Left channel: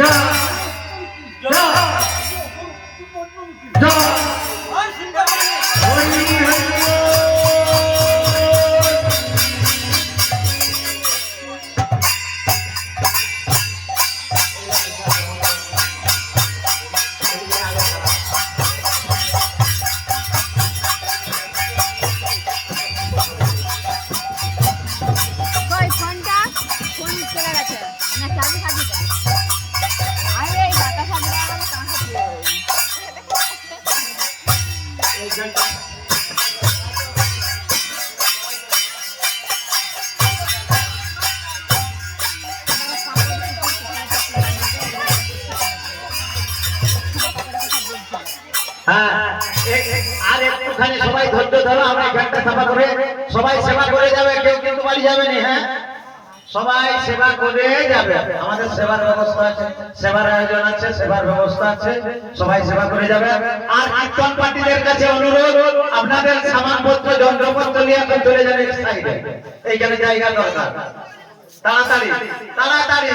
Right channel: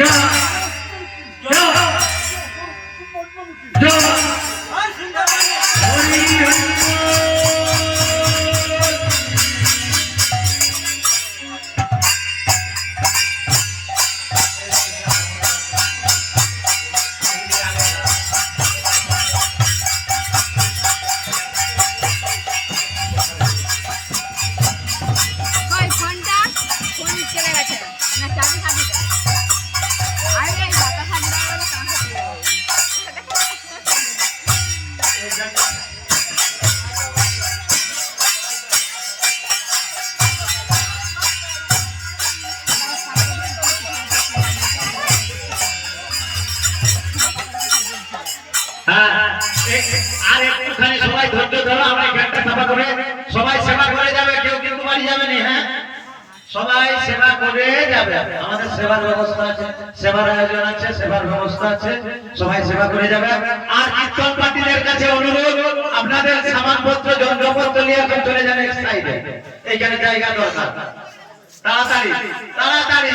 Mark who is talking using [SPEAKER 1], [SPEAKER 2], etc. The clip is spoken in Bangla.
[SPEAKER 1] যারা একটুখানি সবাই ধৈর্য ধরো, আমরা জ্ঞানটা সেবা করে সবাই সেবা করে যাবে, কেউ কিন্তু বাড়ি যাবে না হ্যাঁ? সবাই সেবা করে যাবে। আমাদের সেবার ব্যবস্থা আছে, সেবার আয়োজন আছে, সেবার ব্যবস্থা আছে, সবাই সেবা করে যাবে। আর কীর্তন পার্টিদের কাছে অনুরোধ, আপনাদের সামানপত্র, যন্ত্রপত্র নিয়ে এখন চলে যান এক সাইডে এইখানে জায়গা দরকার। তাড়াতাড়ি তাড়াতাড়ি।